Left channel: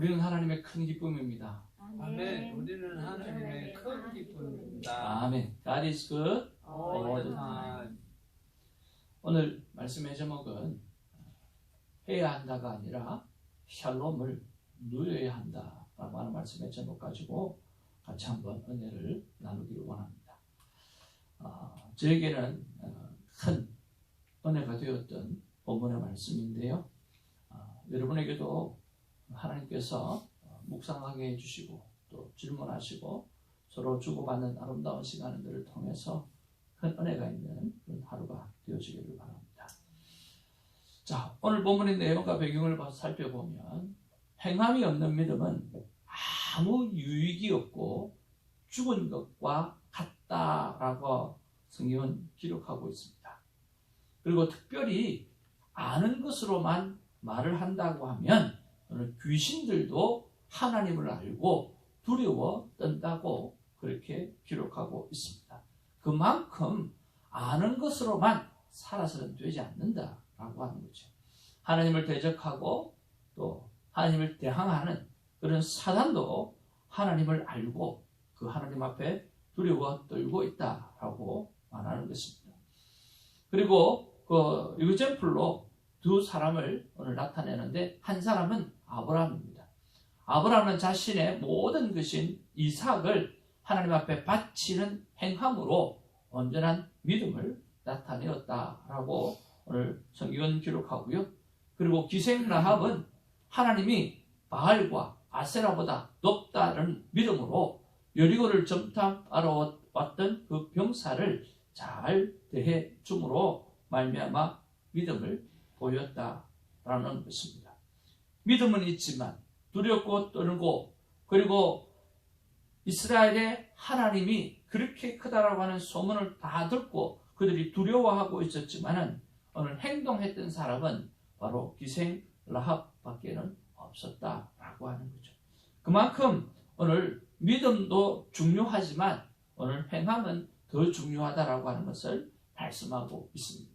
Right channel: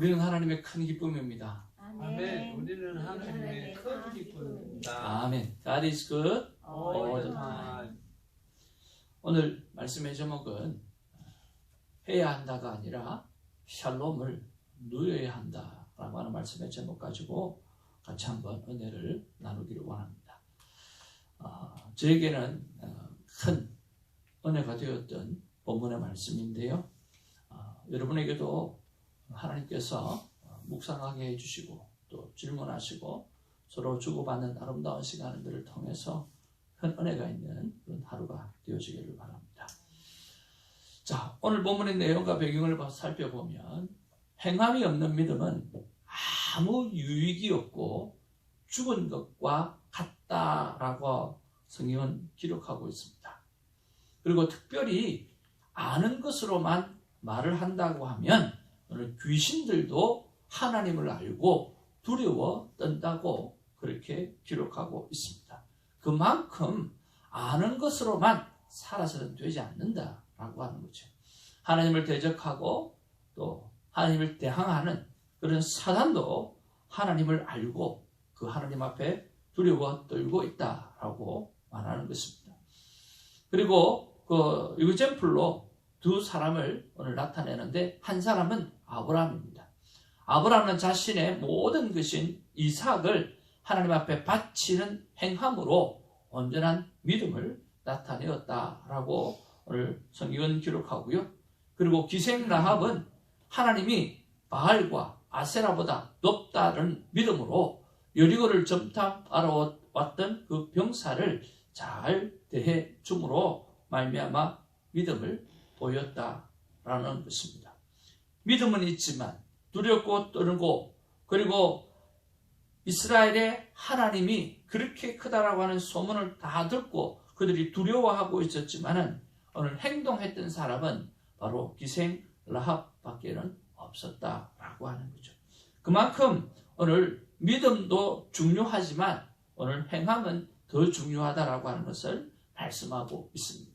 우리는 하나님의 큰 기쁨입니다. 아멘. 우리는 하나님의 큰 기쁨입니다. 아멘. God is good all all the the time. time. 오늘 말씀의 제목은 해야 한다가 아니라 샬롬을 누려야 한다라고 하는 말씀의 제목 가지고 같이 한번 은혜를 나누기를 원합니다. 저에게는 큰 은혜가 되었던 본문의 말씀인데요. 여러분에게도 하나님께서 묵상하게 해주시고 또 질문하시고 서로 주고받는 아름다운 시간들을 통해서 큰 은혜가 있는 그런 하루가 되어지기를 바랍니다. 자, 오늘 본문의 내용과 배경을 살펴보면 행함이 없는 믿음은 아무 유익이 없고 죽은 것과 같다라고 성경은 기록하고 있습니다. 그리고 특별히 아는 것으로만 말을 한다고 하면 오늘 귀신들도 하나님을 알고 두려워 떤다고 그렇게 기록하고 있습니다. 그만큼 아는 것으로만 살아서는 되지 않는다라고 하는 거죠. 하나님을 대적하고 또 하나님을 대항하는 그런 사단도 하나님을 알고 그 하나님 앞에 두려워 떨고 있다라고 말하는 것입니다. 그리고 그 유젠플로 두 사람을 오늘 나타내는데 한 사람은 아브라함입니다. 아브라함은 자신의 모든 것인 이삭을 하나님 앞에 바치는 행함으로 온전한 믿음을 나타내었다라고 오늘 성경은 기록하고요. 그리고 기생 라합은 하나님이 바알과 아세라보다 높다는 믿음으로 여리고를 점탐하러 왔던 그 병사를 잘 대해 줌으로 말미암아 믿음을 보였다라는 것입니다. 믿음은 있지만 두렵고 떨고 그리고 이스라엘의 하나님이 그렇게 크다라고 하는 소문을 다 듣고 그들이 두려워하고 있었지만은 오늘 행동했던 사람은 바로 기생 라합밖에는 없었다라고 하는 거죠. 그만큼 오늘 믿음도 중요하지만 오늘 행함은 더 중요하다라고 하는 것을 말씀하고 있습니다.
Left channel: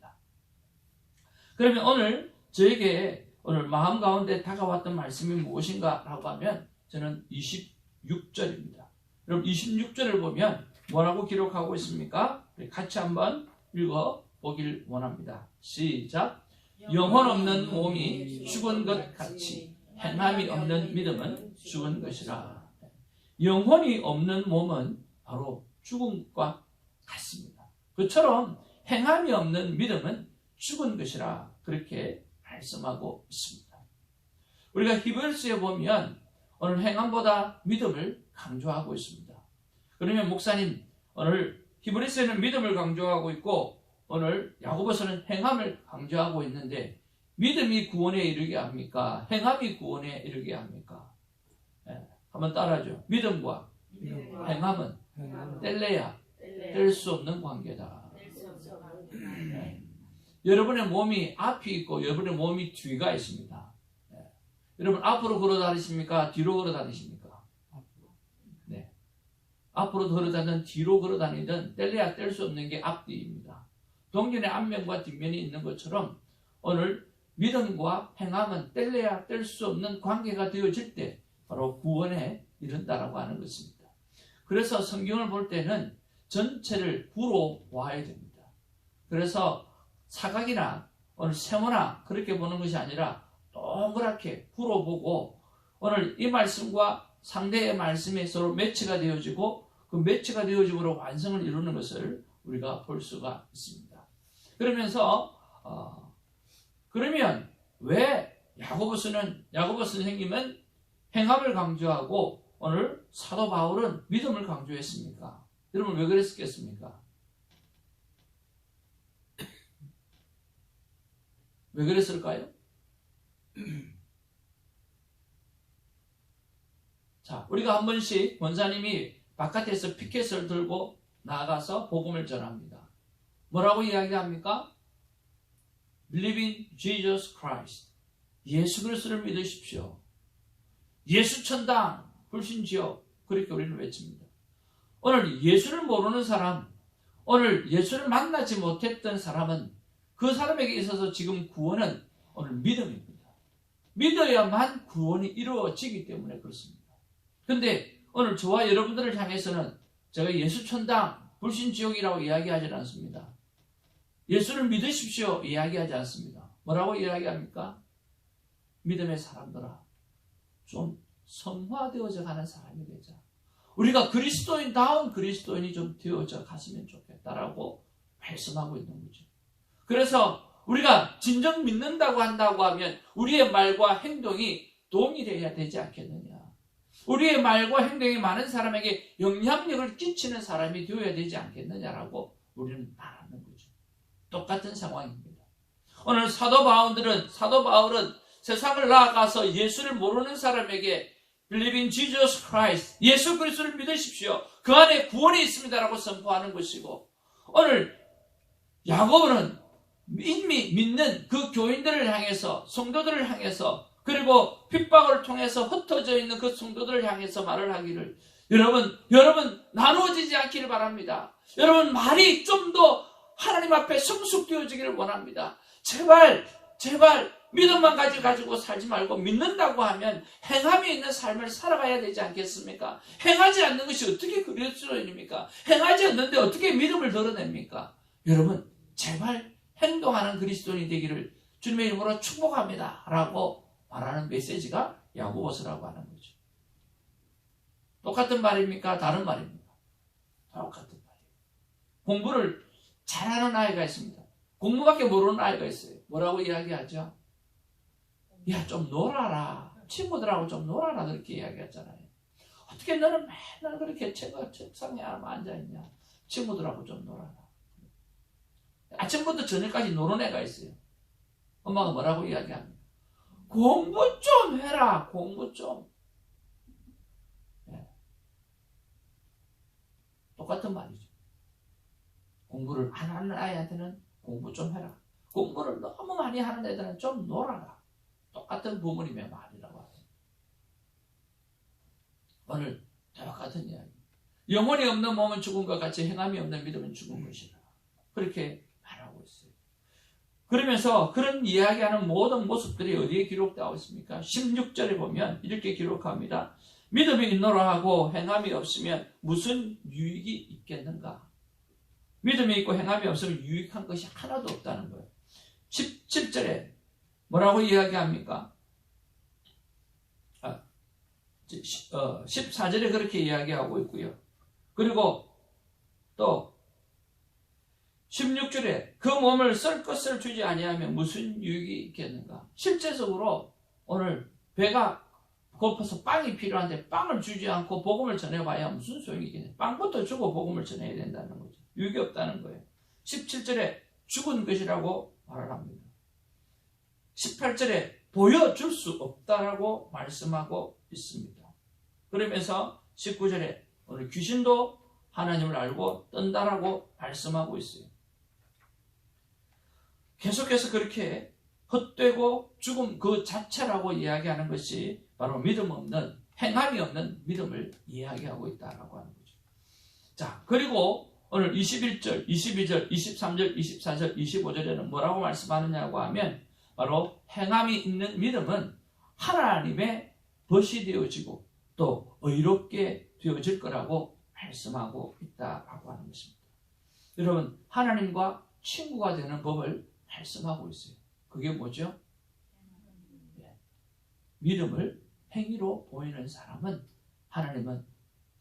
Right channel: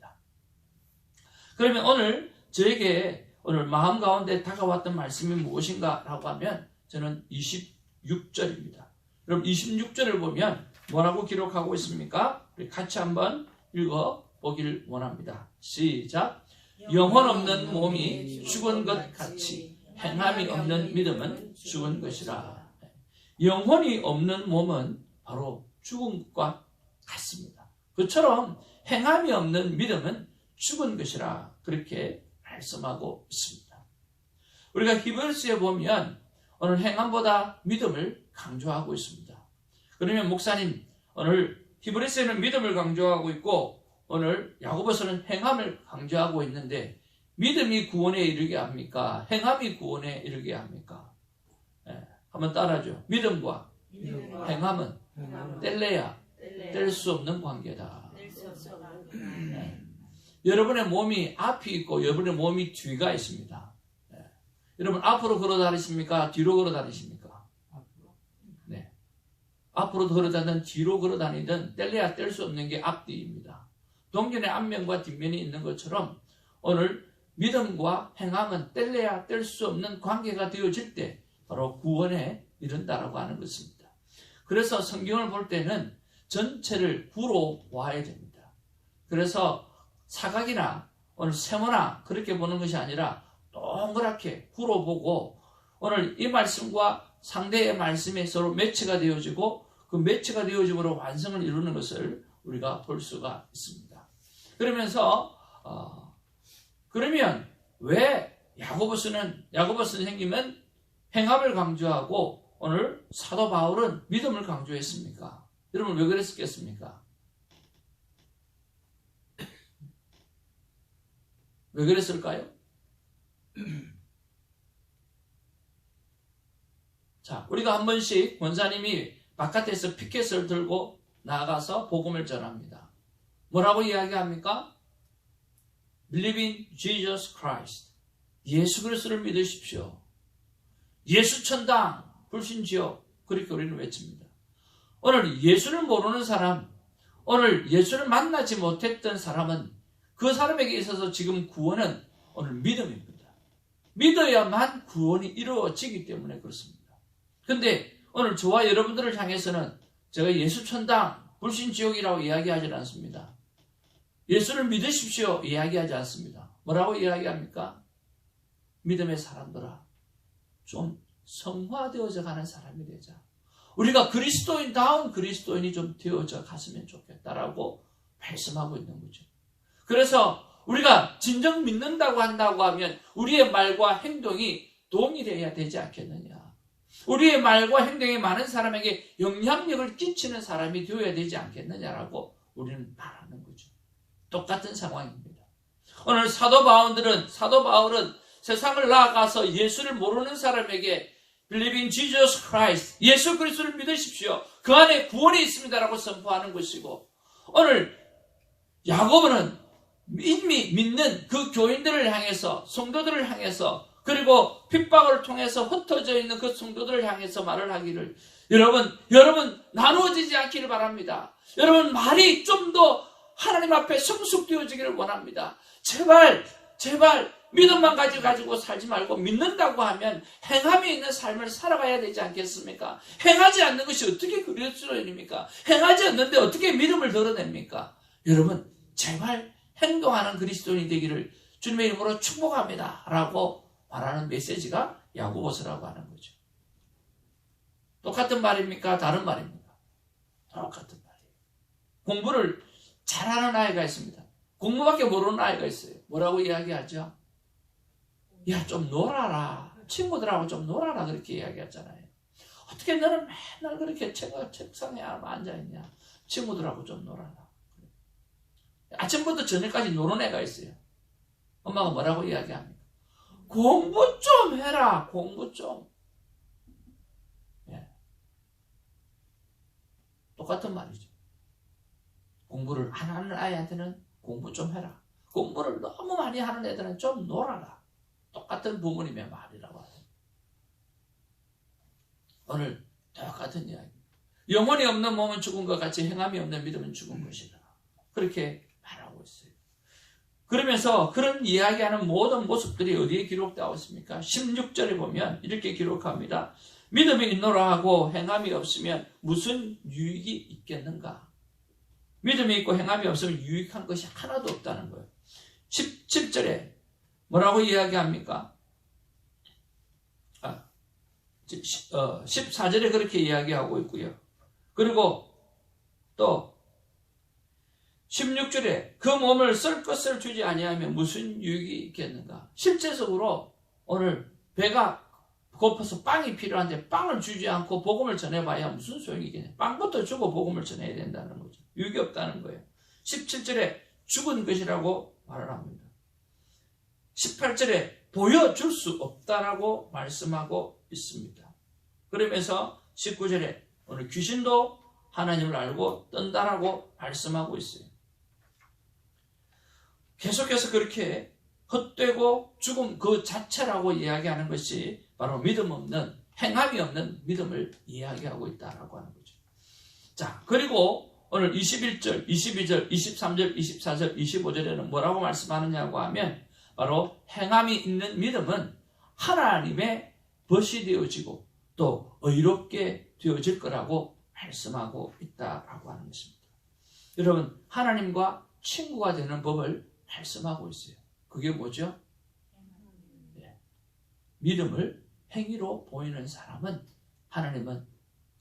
그러면 오늘 저에게 오늘 마음 가운데 다가왔던 말씀이 무엇인가라고 하면 저는 26절입니다. 그럼 26절을 보면 뭐라고 기록하고 있습니까? 우리 같이 한번 읽어보길 원합니다. 시작! 영혼 없는 몸이 죽은 것 같이 행함이 없는 믿음은 죽은 것이라. 영혼이 없는 몸은 바로 죽은 것과 같습니다. 그처럼 행함이 없는 믿음은 죽은 것이라 그렇게 말씀하고 있습니다. 우리가 히브리서에 보면 오늘 행함보다 믿음을 강조하고 있습니다. 그러면 목사님 오늘 히브리서에는 믿음을 강조하고 있고 오늘 야고보서는 행함을 강조하고 있는데 믿음이 구원에 이르게 합니까? 행함이 구원에 이르게 합니까? 한번 따라하죠. 믿음과 행함은 뗄래야 뗄 수 없는 관계다. 여러분의 몸이 앞이 있고 여러분의 몸이 뒤가 있습니다. 여러분 앞으로 걸어 다니십니까? 뒤로 걸어 다니십니까? 네. 앞으로 걸어 다니든 뒤로 걸어 다니든 뗄래야 뗄 수 없는 게 앞뒤입니다. 동전의 앞면과 뒷면이 있는 것처럼 오늘 믿음과 행함은 뗄래야 뗄 수 없는 관계가 되어질 때 바로 구원에 이른다라고 하는 것입니다. 그래서 성경을 볼 때는 전체를 구로 보아야 됩니다. 그래서 사각이나 오늘 세모나 그렇게 보는 것이 아니라 동그랗게 구로 보고 오늘 이 말씀과 상대의 말씀이 서로 매치가 되어지고 그 매치가 되어짐으로 완성을 이루는 것을 우리가 볼 수가 있습니다. 그러면서 그러면 왜 야고보 선생님은 행함을 강조하고 오늘 사도 바울은 믿음을 강조했습니까? 여러분 왜 그랬겠습니까? 왜 그랬을까요? 자, 우리가 한 번씩 권사님이 바깥에서 피켓을 들고 나가서 복음을 전합니다. 뭐라고 이야기합니까? Believe in Jesus Christ. 예수 그리스도를 믿으십시오. 예수 천당, 불신지옥. 그렇게 우리는 외칩니다. 오늘 예수를 모르는 사람, 오늘 예수를 만나지 못했던 사람은 그 사람에게 있어서 지금 구원은 오늘 믿음입니다. 믿어야만 구원이 이루어지기 때문에 그렇습니다. 그런데 오늘 저와 여러분들을 향해서는 제가 예수천당, 불신지옥이라고 이야기하지 않습니다. 예수를 믿으십시오 이야기하지 않습니다. 뭐라고 이야기합니까? 믿음의 사람들아, 좀 성화되어져 가는 사람이 되자. 우리가 그리스도인다운 그리스도인이 좀 되어져 갔으면 좋겠다라고 말씀하고 있는 거죠. 그래서 우리가 진정 믿는다고 한다고 하면 우리의 말과 행동이 동일해야 되지 않겠느냐. 우리의 말과 행동이 많은 사람에게 영향력을 끼치는 사람이 되어야 되지 않겠느냐라고 우리는 말하는 거죠. 똑같은 상황입니다. 오늘 사도 바울은 세상을 나아가서 예수를 모르는 사람에게 Believing Jesus Christ, 예수 그리스도를 믿으십시오. 그 안에 구원이 있습니다라고 선포하는 것이고, 오늘 야고보는 이미 믿는 그 교인들을 향해서, 성도들을 향해서, 그리고 핍박을 통해서 흩어져 있는 그 성도들을 향해서 말을 하기를, 여러분 나누어지지 않기를 바랍니다. 여러분 말이 좀 더 하나님 앞에 성숙되어지기를 원합니다. 제발 믿음만 가지고 살지 말고 믿는다고 하면 행함이 있는 삶을 살아가야 되지 않겠습니까? 행하지 않는 것이 어떻게 그리스도인입니까? 행하지 않는데 어떻게 믿음을 드러냅니까? 여러분 제발 행동하는 그리스도인이 되기를 주님의 이름으로 축복합니다 라고 말하는 메시지가 야고보서라고 하는 거죠. 똑같은 말입니까? 다른 말입니까? 똑같은 말이에요. 공부를 잘하는 아이가 있습니다. 공부밖에 모르는 아이가 있어요. 뭐라고 이야기하죠? 야, 좀 놀아라. 친구들하고 좀 놀아라. 그렇게 이야기하잖아요. 어떻게 너는 맨날 그렇게 책상에 앉아있냐? 친구들하고 좀 놀아라. 아침부터 저녁까지 노는 애가 있어요. 엄마가 뭐라고 이야기합니까? 공부 좀 해라. 공부 좀. 예. 똑같은 말이죠. 공부를 안 하는 아이한테는 공부 좀 해라. 공부를 너무 많이 하는 애들은 좀 놀아라. 똑같은 부모님의 말이라고 하죠. 오늘 똑같은 이야기. 영혼이 없는 몸은 죽은 것 같이 행함이 없는 믿음은 죽은 것이다. 그렇게 말하고 있어요. 그러면서 그런 이야기하는 모든 모습들이 어디에 기록되어 있습니까? 16절에 보면 이렇게 기록합니다. 믿음이 있노라 하고 행함이 없으면 무슨 유익이 있겠는가? 믿음이 있고 행함이 없으면 유익한 것이 하나도 없다는 거예요. 17절에 뭐라고 이야기합니까? 14절에 그렇게 이야기하고 있고요. 그리고 또 16절에 그 몸을 쓸 것을 주지 아니하면 무슨 유익이 있겠는가? 실제적으로 오늘 배가 고파서 빵이 필요한데 빵을 주지 않고 복음을 전해봐야 무슨 소용이 있겠냐? 빵부터 주고 복음을 전해야 된다는 거죠. 유익이 없다는 거예요. 17절에 죽은 것이라고 말을 합니다. 18절에 보여줄 수 없다라고 말씀하고 있습니다. 그러면서 19절에 오늘 귀신도 하나님을 알고 떤다라고 말씀하고 있어요. 계속해서 그렇게 헛되고 죽음 그 자체라고 이야기하는 것이 바로 믿음 없는, 행함이 없는 믿음을 이야기하고 있다라고 하는 거죠. 자, 그리고 오늘 21절, 22절, 23절, 24절, 25절에는 뭐라고 말씀하느냐고 하면 바로 행함이 있는 믿음은 하나님의 벗이 되어지고 또 의롭게 되어질 거라고 말씀하고 있다라고 하는 것입니다. 여러분, 하나님과 친구가 되는 법을 말씀하고 있어요. 그게 뭐죠? 네. 믿음을 행위로 보이는 사람은 하나님은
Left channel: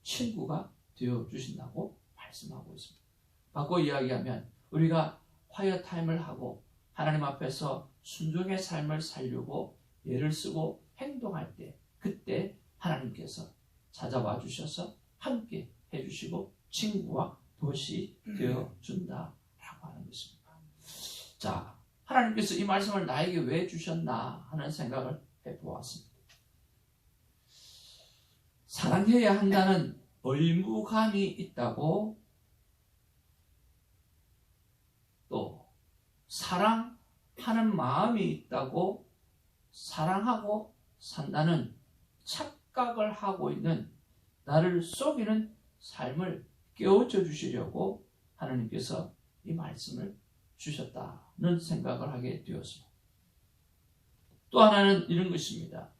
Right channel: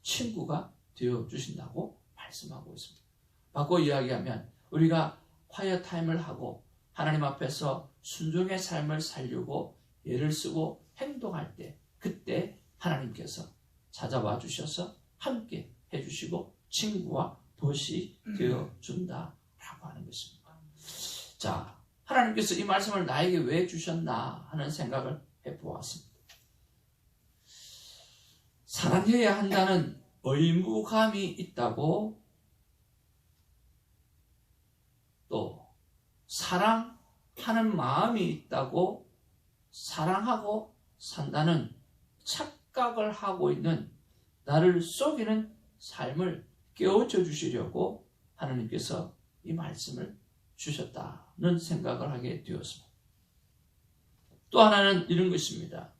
친구가 되어주신다고 말씀하고 있습니다. 바꿔 이야기하면 우리가 콰이어 타임을 하고 하나님 앞에서 순종의 삶을 살려고 애를 쓰고 행동할 때 그때 하나님께서 찾아와 주셔서 함께 해주시고 친구와 벗이 되어준다라고 하는 것입니다. 자, 하나님께서 이 말씀을 나에게 왜 주셨나 하는 생각을 해보았습니다. 사랑해야 한다는 의무감이 있다고, 또 사랑하는 마음이 있다고, 사랑하고 산다는 착각을 하고 있는 나를 속이는 삶을 깨우쳐 주시려고 하나님께서 이 말씀을 주셨다는 생각을 하게 되었습니다. 또 하나는 이런 것입니다.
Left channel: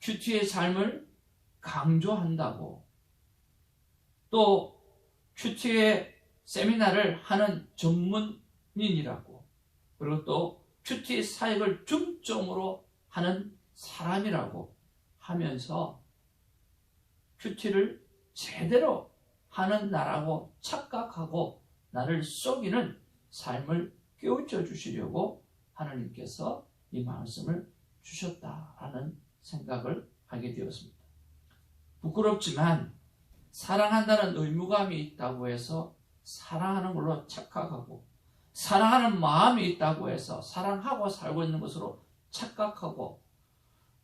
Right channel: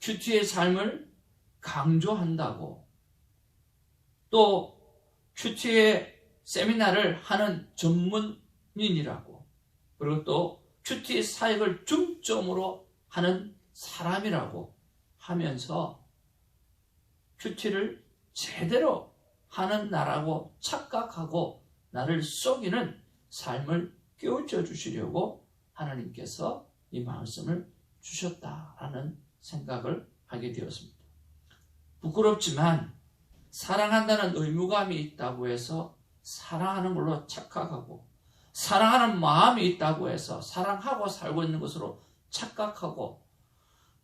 큐티의 삶을 강조한다고, 또 큐티의 세미나를 하는 전문인이라고, 그리고 또 큐티 사역을 중점으로 하는 사람이라고 하면서 큐티를 제대로 하는 나라고 착각하고 나를 속이는 삶을 깨우쳐 주시려고 하나님께서 이 말씀을 주셨다라는 생각을 하게 되었습니다. 부끄럽지만 사랑한다는 의무감이 있다고 해서 사랑하는 걸로 착각하고, 사랑하는 마음이 있다고 해서 사랑하고 살고 있는 것으로 착각하고,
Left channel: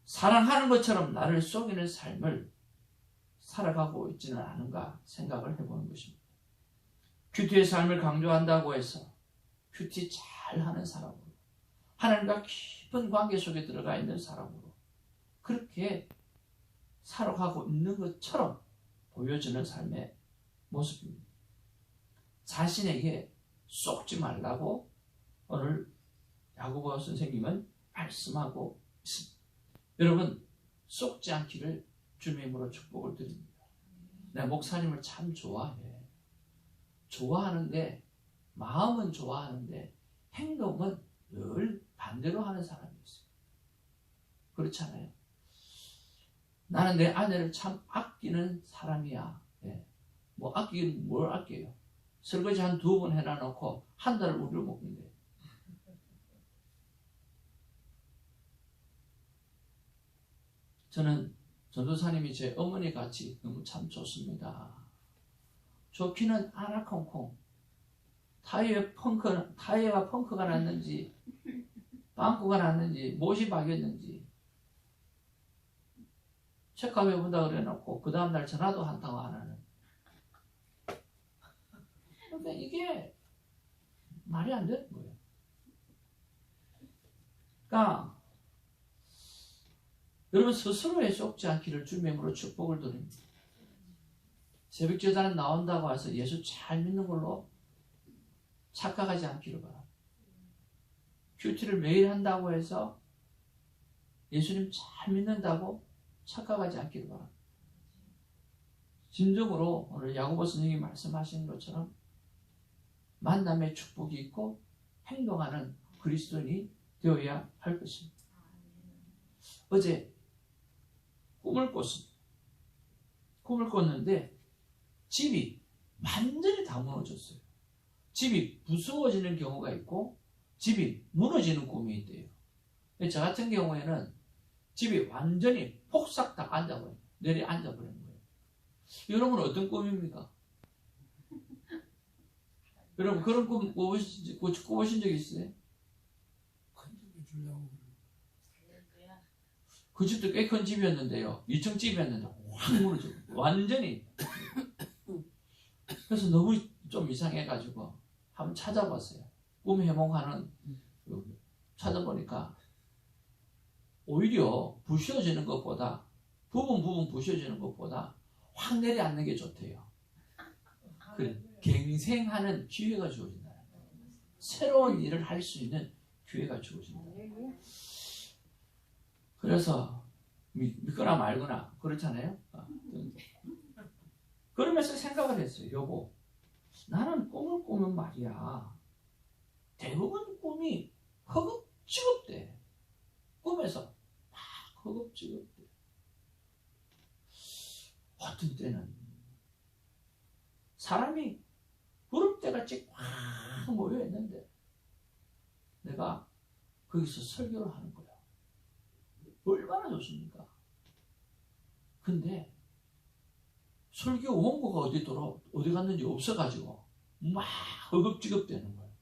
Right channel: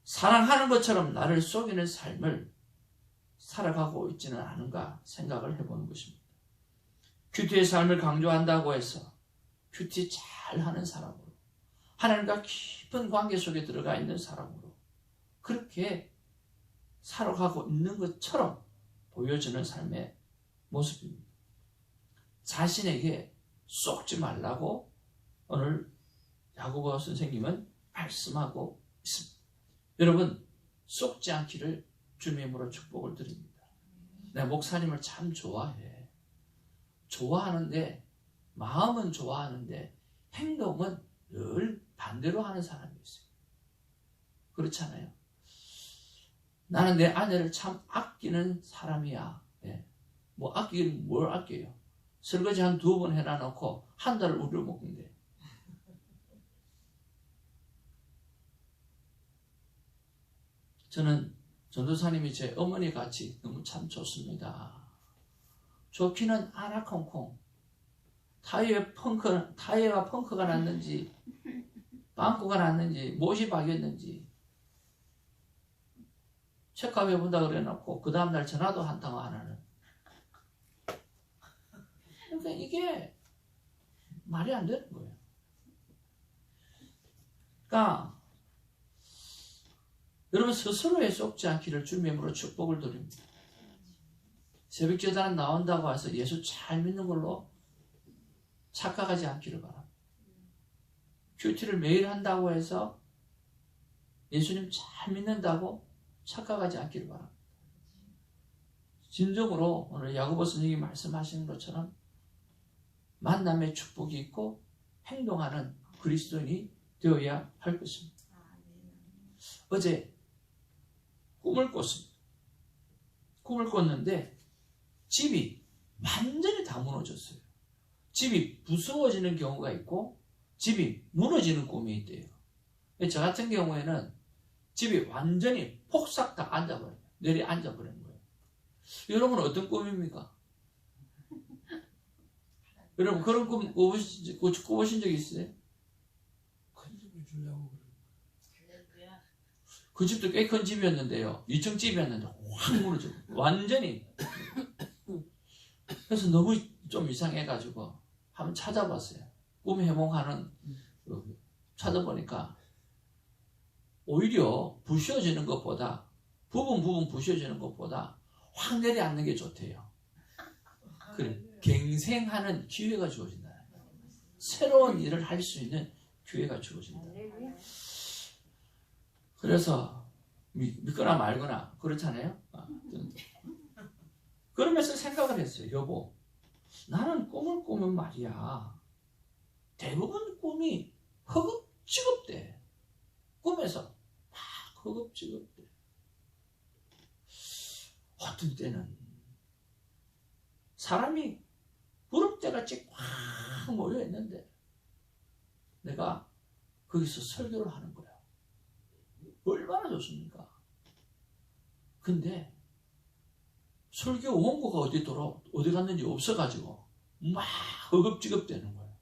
사랑하는 것처럼 나를 속이는 삶을 살아가고 있지는 않은가 생각을 해보는 것입니다. 큐티의 삶을 강조한다고 해서 큐티 잘하는 사람으로, 하나님과 깊은 관계 속에 들어가 있는 사람으로 그렇게 살아가고 있는 것처럼 보여지는 삶의 모습입니다. 자신에게 속지 말라고 오늘 야고보 선생님은 말씀하고 있습니다. 여러분, 속지 않기를 주님의 이름으로 축복을 드립니다. 내가 목사님을 참 좋아해. 좋아하는데, 마음은 좋아하는데 행동은 늘 반대로 하는 사람이 있어요. 그렇잖아요. 나는 내 아내를 참 아끼는 사람이야. 예. 뭐 아끼긴 뭘 아껴요. 설거지 한 2번 해놔놓고 한 달을 우려먹는데. 저는 전도사님이 제 어머니 같이 너무 참 좋습니다. 좋기는 않아 콩콩. 타이어가 펑크가 났는지, 빵꾸가 났는지, 못이 박였는지 체크해 본다 그래놓고 그 다음날 전화도 한 통 안 하는. 그러니까 이게 말이 안 되는 거예요. 그러니까 여러분, 스스로에 속지 않기를 주님의 이름으로 축복을 드립니다. 새벽제단 나온다고 해서 예수 잘 믿는 걸로 착각하지 않기를 바랍니다. 큐티를 매일 한다고 해서 예수님 잘 믿는다고 착각하지 않기를 바랍니다. 진정으로 오늘 야고보 선생님이 말씀하시는 것처럼 만남의 축복이 있고 행동하는 그리스도인이 되어야 할 것입니다. 어제 꿈을 꿨습니다. 꿈을 꿨는데 집이 완전히 다 무너졌어요. 집이 부수어지는 경우가 있고 집이 무너지는 꿈이 있대요. 저 같은 경우에는 집이 완전히 폭삭 다 앉아버려요. 내리 앉아버리는 거예요. 여러분은 어떤 꿈입니까? 여러분 그런 꿈 꾸보신 적 있어요? 그 집도 꽤 큰 집이었는데요. 2층 집이었는데 확 무너져. 완전히. 그래서 너무 좀 이상해가지고 한번 찾아봤어요. 꿈 해몽하는 찾아보니까 오히려 부셔지는 것보다 부분 부셔지는 것보다 확 내려앉는 게 좋대요. 그래, 갱생하는 기회가 주어진다. 새로운 일을 할 수 있는 기회가 주어진다. 그래서 믿거나 말거나 그렇잖아요. 그러면서 생각을 했어요. 여보, 나는 꿈을 꾸면 말이야, 대부분 꿈이 허겁지겁대. 꿈에서 막 허겁지겁대. 어떤 때는 사람이 구름대같이 꽉 모여있는데 내가 거기서 설교를 하는 거야. 얼마나 좋습니까? 근데 설교 원고가 어디 갔는지 없어가지고 막 허겁지겁대는 거예요.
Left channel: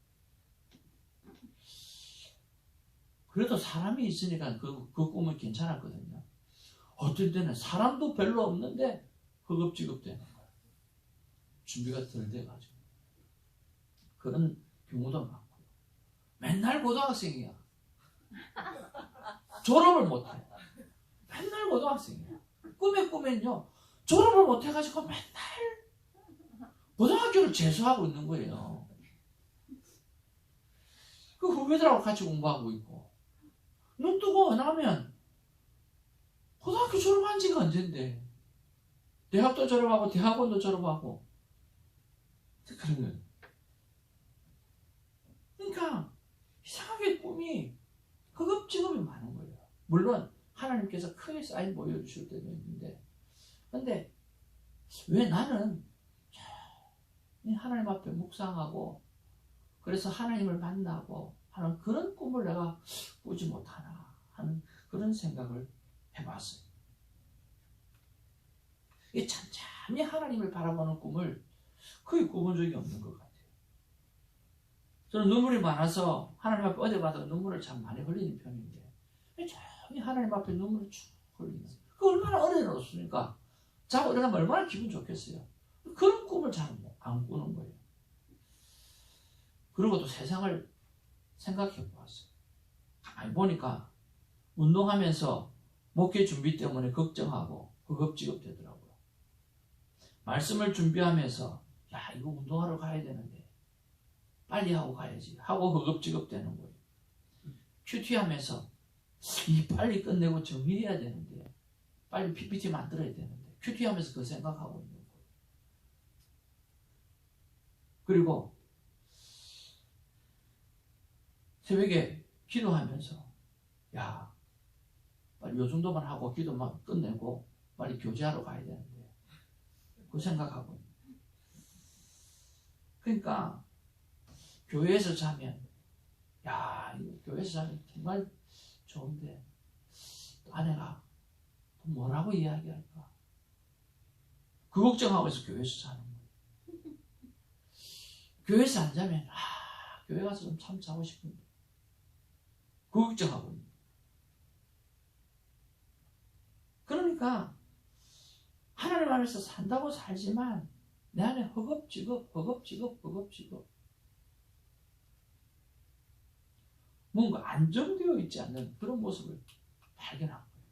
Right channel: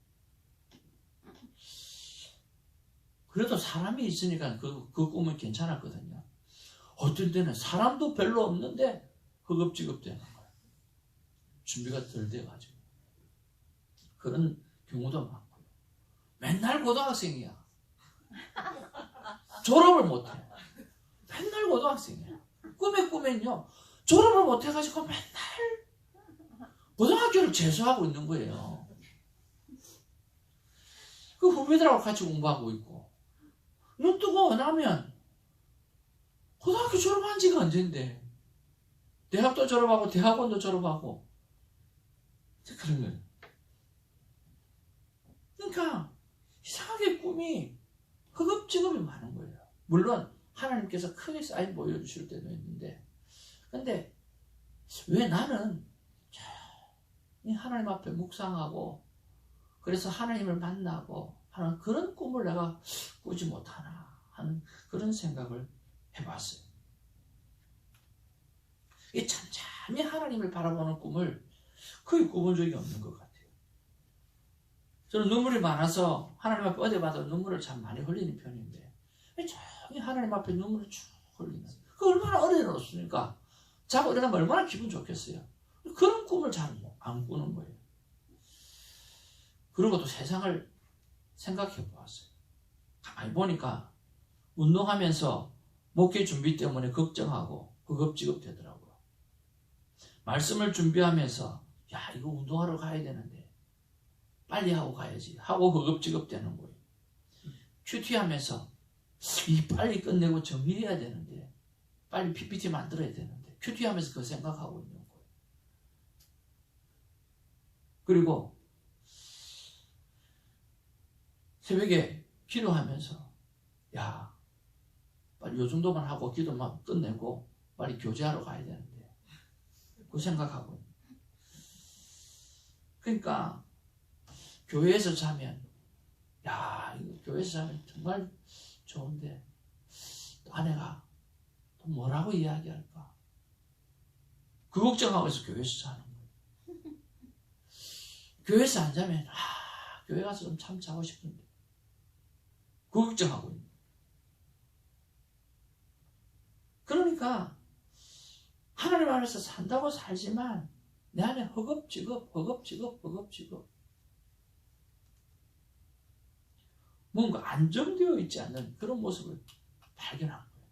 그래도 사람이 있으니까 그 꿈은 괜찮았거든요. 어떤 때는 사람도 별로 없는데 허겁지겁대는 거예요. 준비가 덜 돼가지고. 그런 경우도 많고요. 맨날 고등학생이야. 졸업을 못해. 맨날 고등학생이야. 꿈에는요, 졸업을 못해가지고 맨날 고등학교를 재수하고 있는 거예요. 그 후배들하고 같이 공부하고 있고. 눈 뜨고 나면 고등학교 졸업한 지가 언젠데 대학도 졸업하고 대학원도 졸업하고 그런 거예요. 그러니까 이상하게 꿈이 허겁지겁이 많은 거예요. 물론 하나님께서 크게 사인 보여주실 때도 있는데 근데 왜 나는 하나님 앞에 묵상하고 그래서 하나님을 만나고 하는 그런 꿈을 내가 꾸지 못하나 하는 그런 생각을 해봤어요. 이 참참히 하나님을 바라보는 꿈을 거의 꾸본 적이 없는 것 같아요. 저는 눈물이 많아서 하나님 앞에 어디 봐도 눈물을 참 많이 흘리는 편인데 참히 하나님 앞에 눈물을 쭉 흘리는 그 얼마나 어려웠으니까 자고 일어나면 얼마나 기분 좋겠어요. 그런 꿈을 잘 안 꾸는 거예요. 그리고 또 세상을 생각해 보았어요. 가만히 보니까 운동하면서 목회 준비 때문에 걱정하고 허겁지겁 되더라고요. 말씀을 준비하면서 야 이거 운동하러 가야 되는데 빨리 하고 가야지 하고 허겁지겁 되는 거예요. 큐티하면서 이 빨리 끝내고 정리해야 되는데 빨리 PPT 만들어야 되는데 큐티하면서 그 생각하고 있는 거예요. 그리고 새벽에 기도하면서 야 빨리 요 정도만 하고 기도만 끝내고 빨리 교제하러 가야 되는데 그 생각하고 그러니까 교회에서 자면 야 이거 교회에서 자면 정말 좋은데 아내가 또 뭐라고 이야기할까 그 걱정하고 있어. 교회에서 자는 거예요. 교회에서 안 자면 교회 가서 좀 참 자고 싶은데 그 걱정하고 있는 거예요. 그러니까 하나님 안에서 산다고 살지만 내 안에 허겁지겁 뭔가 안정되어 있지 않는 그런 모습을 발견한 거예요.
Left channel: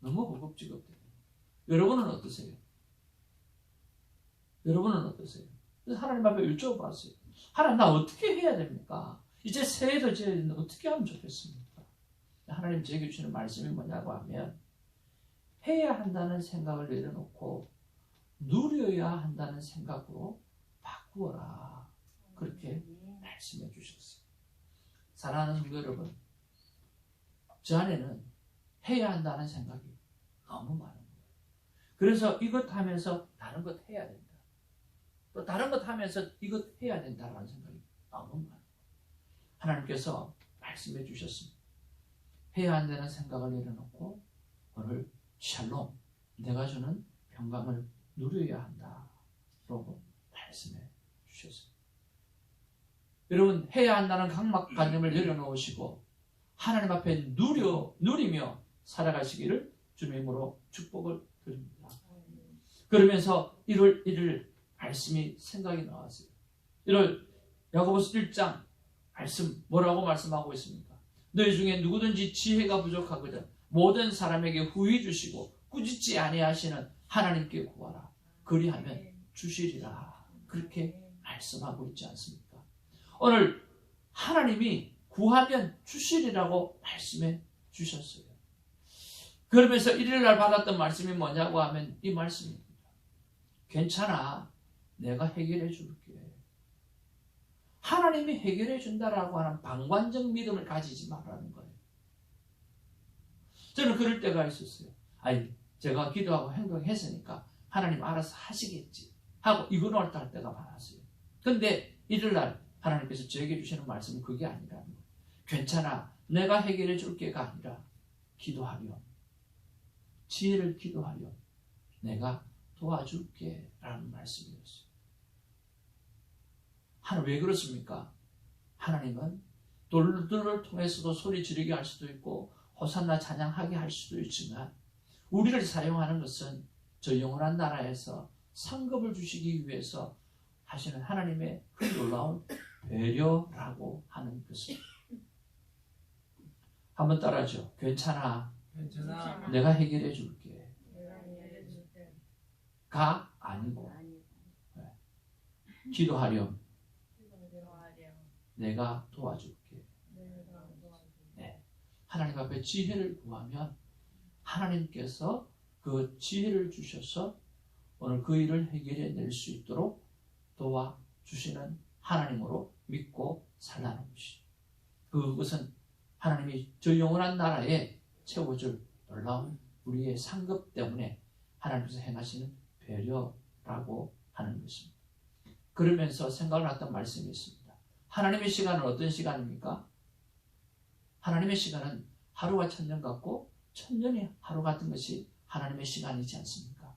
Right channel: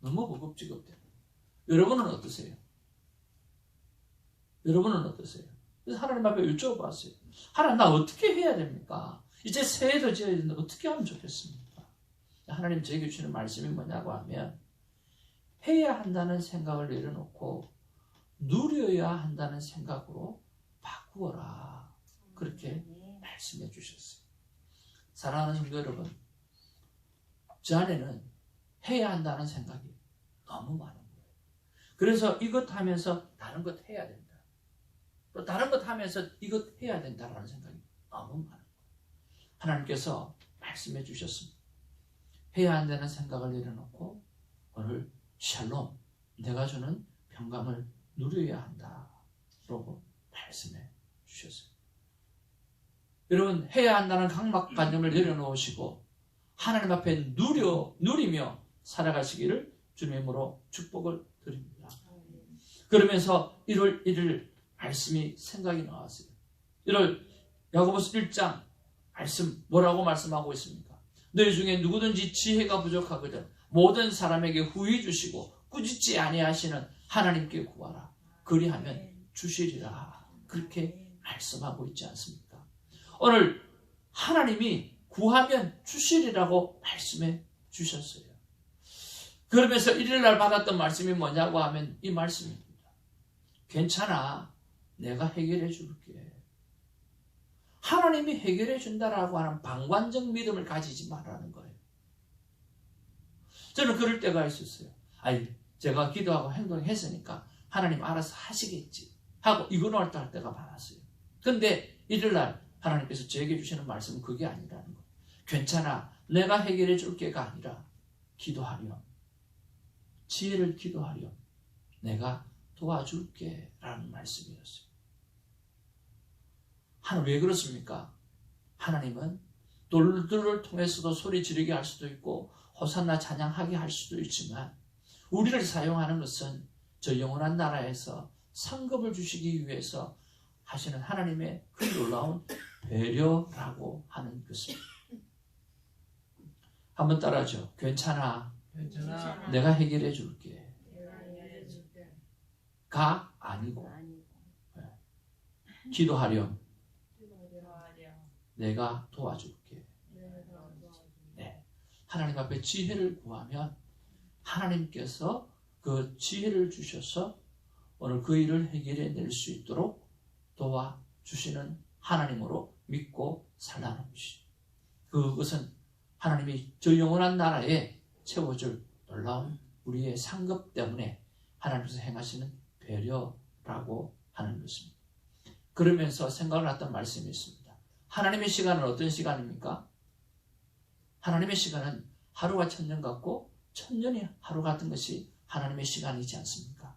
너무 허겁지겁 되는 거예요. 여러분은 어떠세요? 그래서 하나님 앞에 여쭤봤어요. 하나님 나 어떻게 해야 됩니까? 이제 새해도 지어야 되는데 어떻게 하면 좋겠습니까? 하나님 저에게 주시는 말씀이 뭐냐고 하면 해야 한다는 생각을 내려놓고 누려야 한다는 생각으로 바꾸어라. 그렇게 말씀해 주셨어요. 사랑하는 성도 여러분, 저 안에는 해야 한다는 생각이 너무 많은 거예요. 그래서 이것 하면서 다른 것 해야 된다. 또 다른 것 하면서 이것 해야 된다라는 생각이 너무 많은 거예요. 하나님께서 말씀해 주셨습니다. 해야 한다는 생각을 내려놓고 오늘 샬롬, 내가 주는 평강을 누려야 한다. 라고 말씀해 주셨어요. 여러분, 해야 한다는 강박관념을 내려놓으시고 하나님 앞에 누리며 살아가시기를 주님으로 축복을 드립니다. 그러면서 1월 1일 말씀이 생각이 나왔어요. 1월 야고보서 1장 말씀 뭐라고 말씀하고 있습니까? 너희 중에 누구든지 지혜가 부족하거든 모든 사람에게 후히 주시고 꾸짖지 아니하시는 하나님께 구하라. 그리하면 주시리라. 그렇게 말씀하고 있지 않습니까? 오늘 하나님이 구하면 주시리라고 말씀해 주셨어요. 그러면서 일요일날 받았던 말씀이 뭐냐고 하면 이 말씀입니다. 괜찮아. 내가 해결해 줄게. 하나님이 해결해 준다라고 하는 방관적 믿음을 가지지 말라는 거예요. 저는 그럴 때가 있었어요. 제가 기도하고 행동했으니까 하나님 알아서 하시겠지 하고 이거노할 때가 많았어요. 그런데 일요일날 하나님께서 저에게 주시는 말씀은 그게 아니라는 거예요. 괜찮아. 내가 해결해 줄게가 아니라 기도하렴. 지혜를 기도하렴. 내가 도와줄게 라는 말씀이었어요. 하나님 왜 그렇습니까? 하나님은 돌들을 통해서도 소리 지르게 할 수도 있고 호산나 찬양하게 할 수도 있지만 우리를 사용하는 것은 저 영원한 나라에서 상급을 주시기 위해서 하시는 하나님의 그 놀라운 배려라고 하는 것입니다. 한번 따라하죠. 괜찮아. 내가 해결해 줄게. 가 아니고 기도하렴. 내가 도와줄게. 네. 하나님 앞에 지혜를 구하면 하나님께서 그 지혜를 주셔서 오늘 그 일을 해결해낼 수 있도록 도와주시는 하나님으로 믿고 살라는 것이죠. 그것은 하나님이 저 영원한 나라에 채워줄 놀라운 우리의 상급 때문에 하나님께서 행하시는 배려라고 하는 것입니다. 그러면서 생각났던 말씀이 있습니다. 하나님의 시간은 어떤 시간입니까? 하나님의 시간은 하루가 천년 같고 천년이 하루 같은 것이 하나님의 시간이지 않습니까?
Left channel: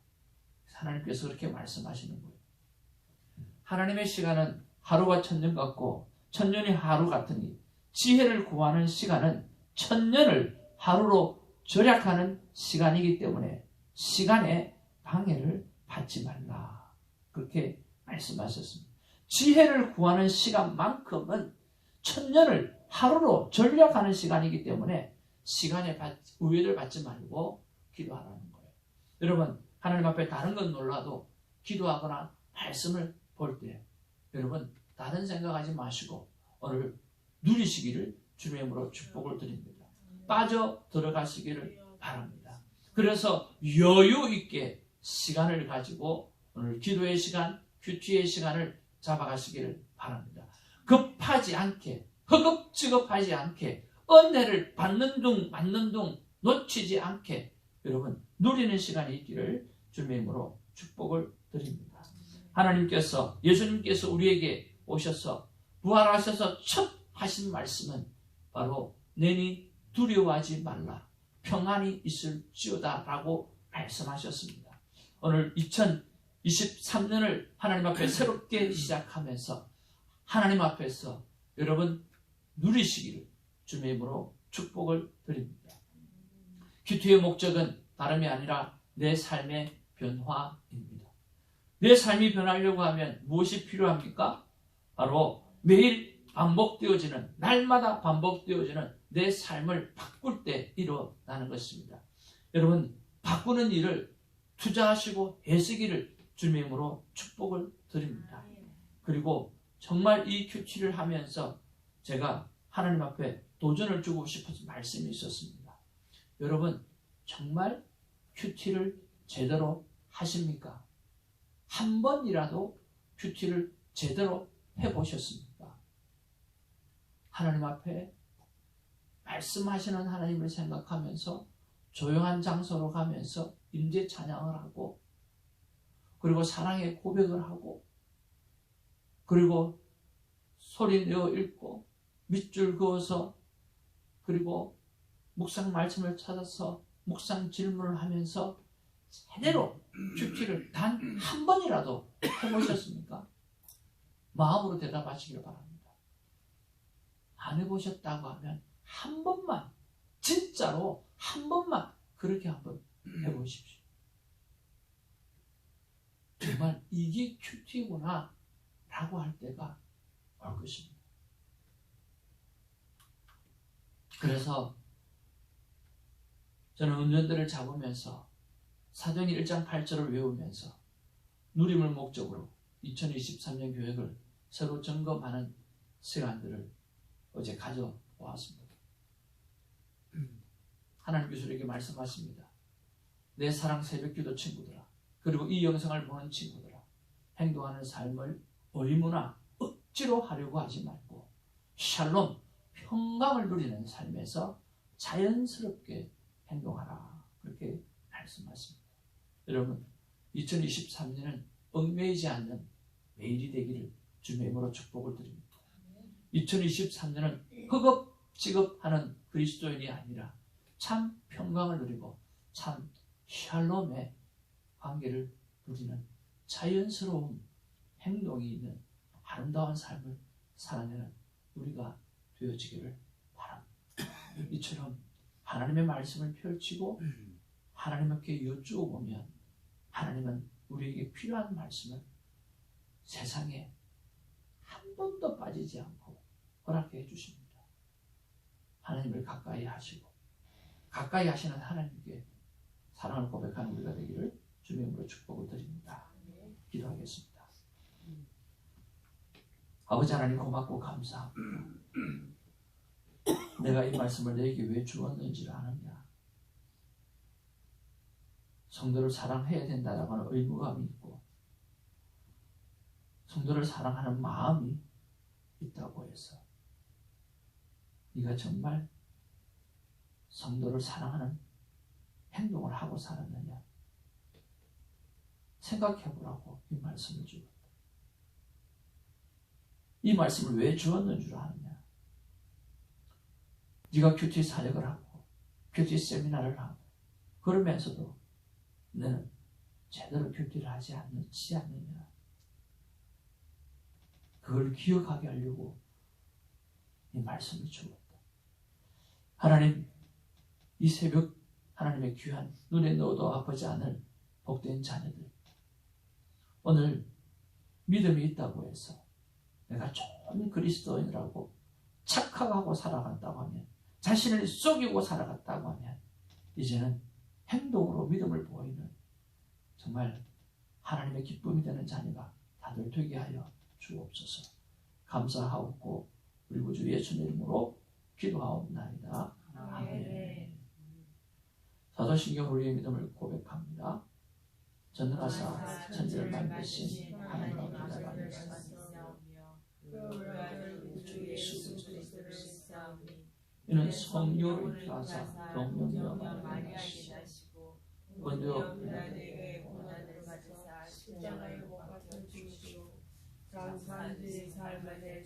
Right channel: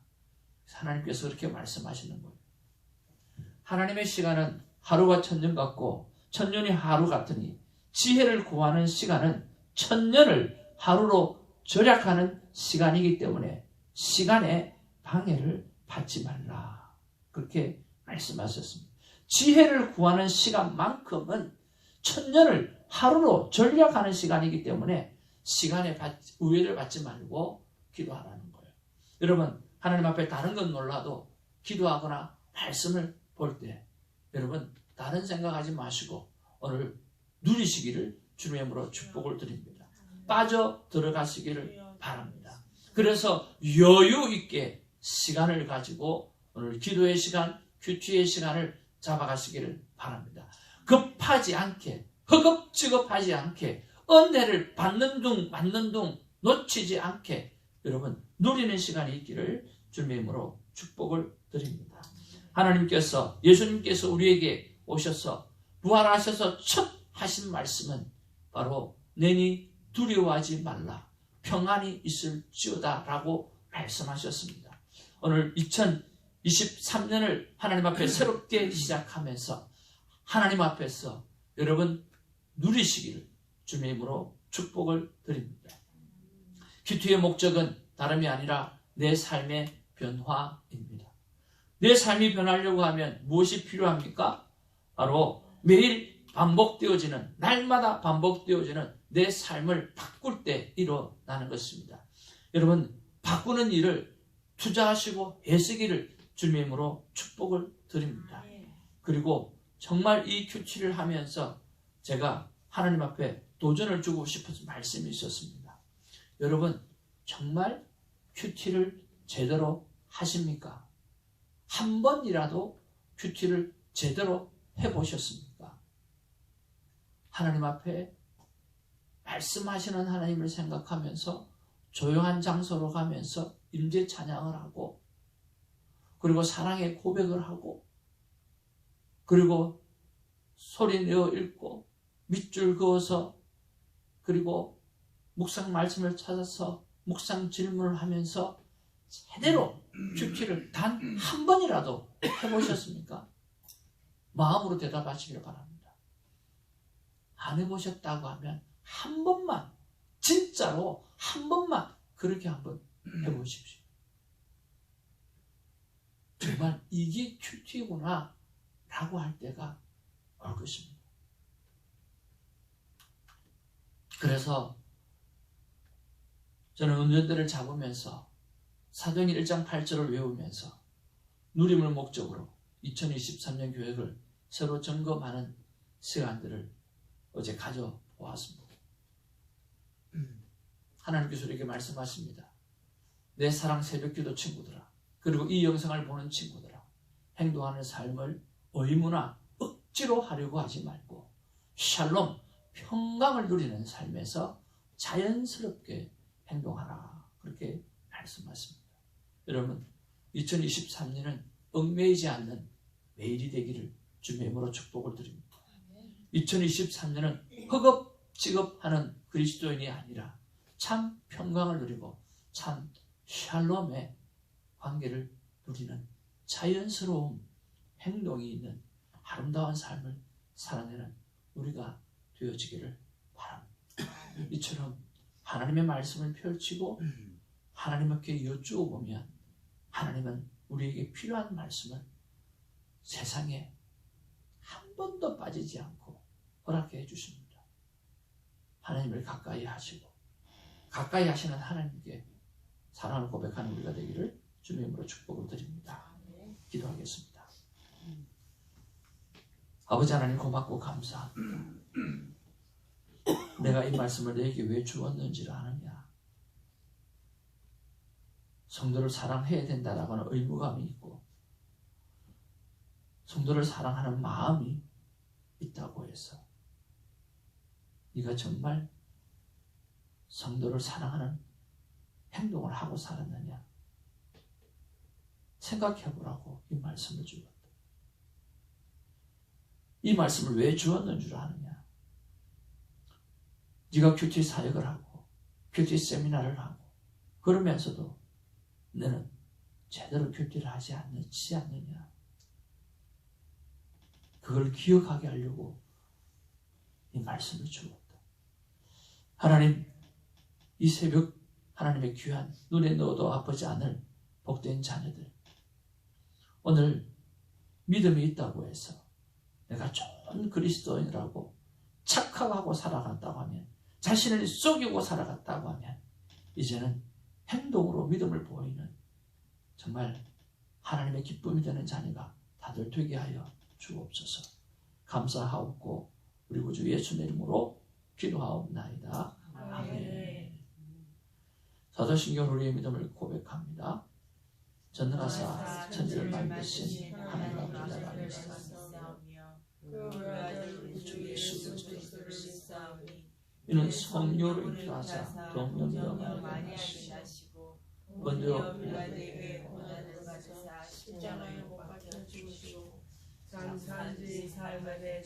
하나님께서 그렇게 말씀하시는 거예요. 하나님의 시간은 하루가 천년 같고 천년이 하루 같으니 지혜를 구하는 시간은 천년을 하루로 절약하는 시간이기 때문에 시간에 방해를 받지 말라. 그렇게 말씀하셨습니다. 지혜를 구하는 시간만큼은 천년을 하루로 절약하는 시간이기 때문에 시간에 우회를 받지 말고 기도하라는 거예요. 여러분, 하나님 앞에 다른 건 몰라도 기도하거나 말씀을 볼 때 여러분 다른 생각하지 마시고 오늘 누리시기를 주님의 이름으로 축복을 드립니다. 빠져 들어가시기를 바랍니다. 그래서 여유 있게 시간을 가지고 오늘 기도의 시간, 큐티의 시간을 잡아가시기를 바랍니다. 급하지 않게, 허겁지겁하지 않게, 은혜를 받는 둥 맞는 둥 놓치지 않게 여러분 누리는 시간이 있기를 주님의 이름으로 축복을 드립니다. 하나님께서, 예수님께서 우리에게 오셔서 부활하셔서 첫 하신 말씀은 바로 내니 두려워하지 말라, 평안이 있을지어다 라고 말씀하셨습니다. 오늘 2023년을 하나님 앞에 새롭게 시작하면서 하나님 앞에서 여러분 누리시기를 주님의 이름으로 축복을 드립니다. 큐티의 목적은 다름이 아니라 내 삶의 변화입니다. 내 삶이 변하려고 하면 무엇이 필요합니까? 바로 매일 반복되어지는, 날마다 반복되어지는 내 삶을 바꿀 때 일어나는 것입니다. 여러분, 바꾸는 일을 투자하시고 애쓰기를 주님의 이름으로 축복을 드립니다. 그리고 정말 이 큐티를 하면서 제가 하나님 앞에 도전을 주고 싶어서 말씀이 있었습니다. 여러분, 정말 큐티를 제대로 하십니까? 한 번이라도 큐티를 제대로 해보셨습니까? 하나님 앞에 말씀하시는 하나님을 생각하면서 조용한 장소로 가면서 임재 찬양을 하고, 그리고 사랑의 고백을 하고, 그리고 소리 내어 읽고 밑줄 그어서, 그리고 묵상 말씀을 찾아서 묵상 질문을 하면서 제대로 큐티를 단 한 번이라도 해보셨습니까? 마음으로 대답하시길 바랍니다. 안 해보셨다고 하면 한 번만, 진짜로 한 번만 그렇게 한번 해보십시오. 정말 이게 큐티구나 라고 할 때가 올 것입니다. 그래서 저는 운전대를 잡으면서 사도행전 1장 8절을 외우면서 누림을 목적으로 2023년 계획을 새로 점검하는 시간들을 어제 가져보았습니다. 하나님께서 이렇게 말씀하십니다. 내 사랑 새벽기도 친구들아, 그리고 이 영상을 보는 친구들아, 행동하는 삶을 의무나 억지로 하려고 하지 말고 샬롬, 평강을 누리는 삶에서 자연스럽게 행동하라. 그렇게 말씀하십니다. 여러분, 2023년은 얽매이지 않는 매일이 되기를 주님의 이름으로 축복을 드립니다. 2023년은 허겁지겁하는 그리스도인이 아니라 참 평강을 누리고 참 샬롬의 관계를 누리는 자연스러운 행동이 있는 아름다운 삶을 살아내는 우리가 되어지기를 바랍니다. 이처럼 하나님의 말씀을 펼치고 하나님께 여쭈어보면 하나님은 우리에게 필요한 말씀을 세상에 한 번도 빠지지 않고 허락해 주십니다. 하나님을 가까이 하시고 가까이 하시는 하나님께 사랑을 고백하는 우리가 되기를 주님의 이름으로 축복을 드립니다. 기도하겠습니다. 아버지 하나님, 고맙고 감사합니다. 내가 이 말씀을 너에게 왜 주었는지를 아느냐? 성도를 사랑해야 된다라고 하는 의무감이 있고 성도를 사랑하는 마음이 있다고 해서 네가 정말 성도를 사랑하는 행동을 하고 살았느냐? 생각해 보라고 이 말씀을 주었다. 이 말씀을 왜 주었는 줄 아느냐? 네가 큐티 사역을 하고 큐티 세미나를 하고 그러면서도 너는 제대로 큐티를 하지 않느냐? 그걸 기억하게 하려고 이 말씀을 주었다. 하나님, 이 새벽 하나님의 귀한 눈에 넣어도 아프지 않을 복된 자녀들, 오늘 믿음이 있다고 해서 내가 좋은 그리스도인이라고 착각하고 살아갔다고 하면, 자신을 속이고 살아갔다고 하면 이제는 행동으로 믿음을 보이는 정말 하나님의 기쁨이 되는 자녀가 다들 되게 하여 주옵소서. 감사하옵고 우리 구주 예수님 이름으로 기도하옵나이다. 아멘. 사도신경 우리의 믿음을 고백합니다. 전능하사 천지를 만드신 하나님 아버지를 알겠습니다. 주 예수 그리스도를 이는 성령으로 인도하사 동령녀 마리아를 하시고 본디오 빌라도에게 고난을 받으사 십자가에 못 박혀 죽으시고 장사한지 사흘 만에